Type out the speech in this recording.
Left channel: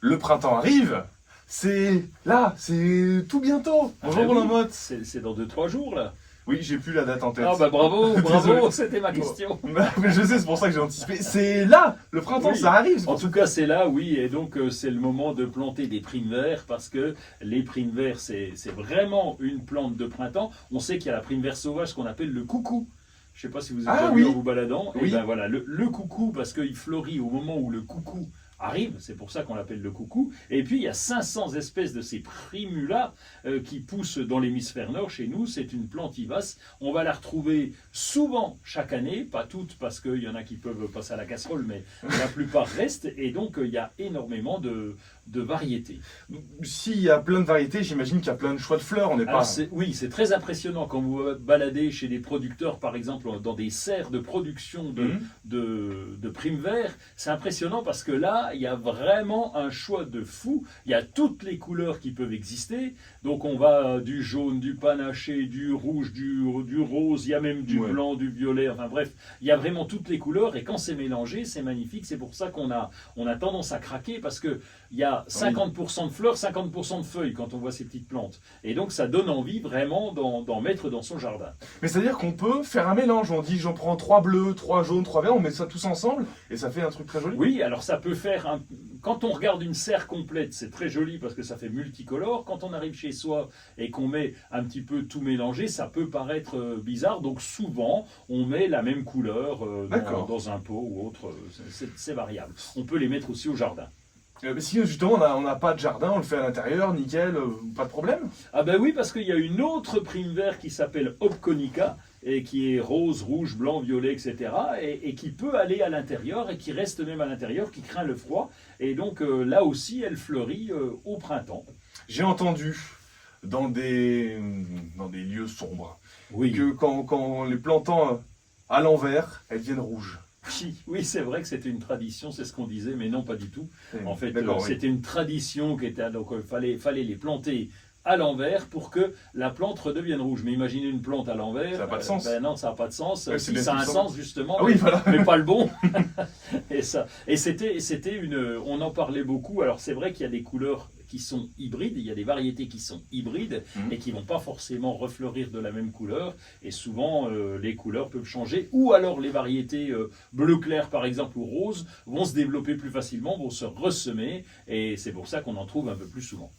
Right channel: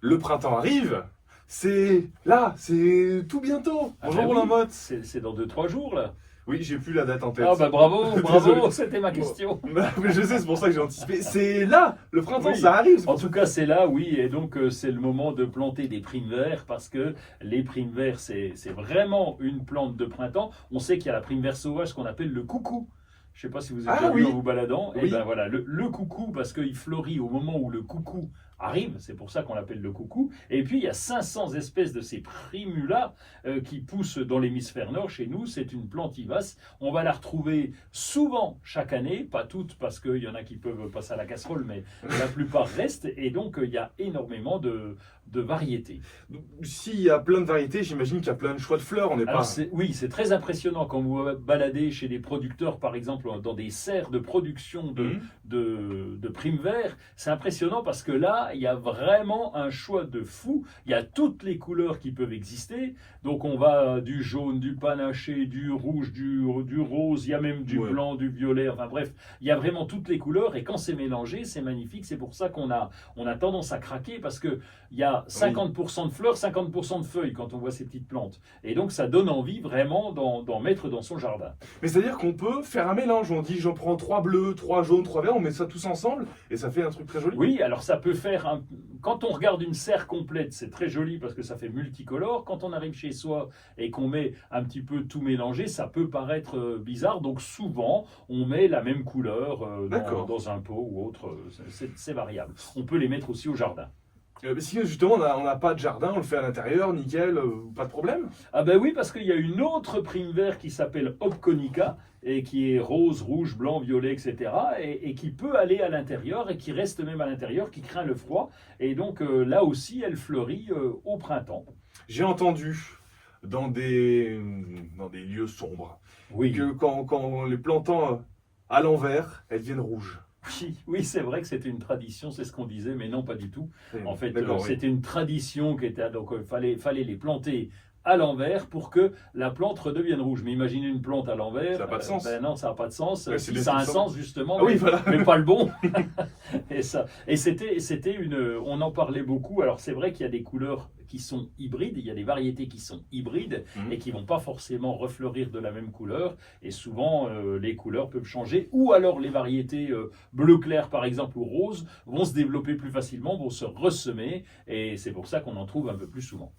Le printemps arrive, c'est là, c'est tout bientôt. Ah Bonjour ben la oui, motte. c'est dans 2-3 jours là. Oui, j'ai plus la date en tête. Ah bah bravo, Désolé. bravo, c'était ma question. Mais je sais, c'est pour ça que j'ai anticipé. C'est là, le printemps, Oui. ça arrive. En tout cas, c'est là, oui, et donc c'est le moment de planter des primes verts parce que les primes verts, c'est vraiment une plante de printemps. On sait qu'il y a la prime vert sauvage qu'on appelle le coucou. Je ne sais pas si vous avez Ah déjà vu en oui. vous baladant. Et Oui. ben voilà, le coucou, parce qu'il fleurit au moment où le coucou arrive, c'est pour ça qu'on l'appelle le coucou. Et puis il y a 500 espèces de ces primulas qui poussent dans l'hémisphère nord. Chez nous, c'est une plante vivace. On va la retrouver souvent chaque année, pas toutes parce qu'il y en a qui peuvent passer à la casserole, mais la plupart restent. Et donc il y a énormément de variétés. S'il y a plein de variétés, j'imagine qu'il y a plein de choix de fleurs. On n'est Alors pas. oui, c'est très impressionnant quand vous vous baladez chez des producteurs, par exemple, dans des serres de production Mhm. de primes verts. C'est impressionnant parce que là, il y a vraiment un choix de fou. Il y a toutes les couleurs qui peuvent exister. Donc on va du jaune, du panaché, du rouge, du rose, il y a même du Ouais. blanc, du violet. Enfin bref, il y a vraiment toutes les couleurs. Et quand c'est mélangé, c'est magnifique. C'est pour ça on a tendance à craquer parce que il y a 50% de fleurs, 50% de feuilles quand on voit ces petites plantes. Et donc ça donne envie vraiment d'en mettre dans son jardin. Mais c'est-à-dire qu'on peut faire un mélange. On dit j'en prends 3 bleus, 3 jaunes, 3 verts, on met ça tous ensemble et ça fait un truc très joli. Oui, alors ça peut faire quand on regarde une serre complète, c'est très joli parce que ça fait multicolore. Quand on arrive chez soi et qu'on met un petit peu tout mélangé, ça peut paraître bizarre. Donc souvent, on met la même couleur D'accord. dans un pot ou autre. C'est variable. On peut les mettre aussi au jardin. Si justement on n'a pas de jardin, on le fait à l'intérieur, nickel, pas de problème. Ah ben oui, parce qu'il y a une autre prime vert qui s'appelle Opconica et qui est rose, rouge, blanc, violet, etc. Et qui peut aller à l'intérieur et qui reste même à l'intérieur, qui craint le froid. Et donc là aussi, elle fleurit au printemps. J'ai entendu dans des lieux sombres Oui, que quand les plantant à l'envers, elles deviennent rouges. oui, c'est vrai que c'était une tradition, c'est ce qu'on disait, mais non, pas du tout. En fait, D'accord, oui. c'était une tradition qui était donc fallait les planter à l'envers pour que la plante redevienne rouge. Mais imaginez une plante à l'envers, Ça n'a pas de sens. ben non, ça n'a pas de sens. Ouais, c'est Si bien ça a un tout ça. sens justement, Ah oui, voilà. mais pas le bon. Et on en parlait beaucoup. Alors c'est vrai qu'il y a des couleurs qui sont hybrides, il y a des variétés qui sont hybrides Mhm. et qui vont pas forcément refleurir de la même couleur. Et souvent, les couleurs peuvent changer. Ou alors les variétés bleu clair, par exemple, ou rose, vont se développer plus facilement, vont se ressemer. Et c'est pour ça qu'on en trouve un peu plus souvent.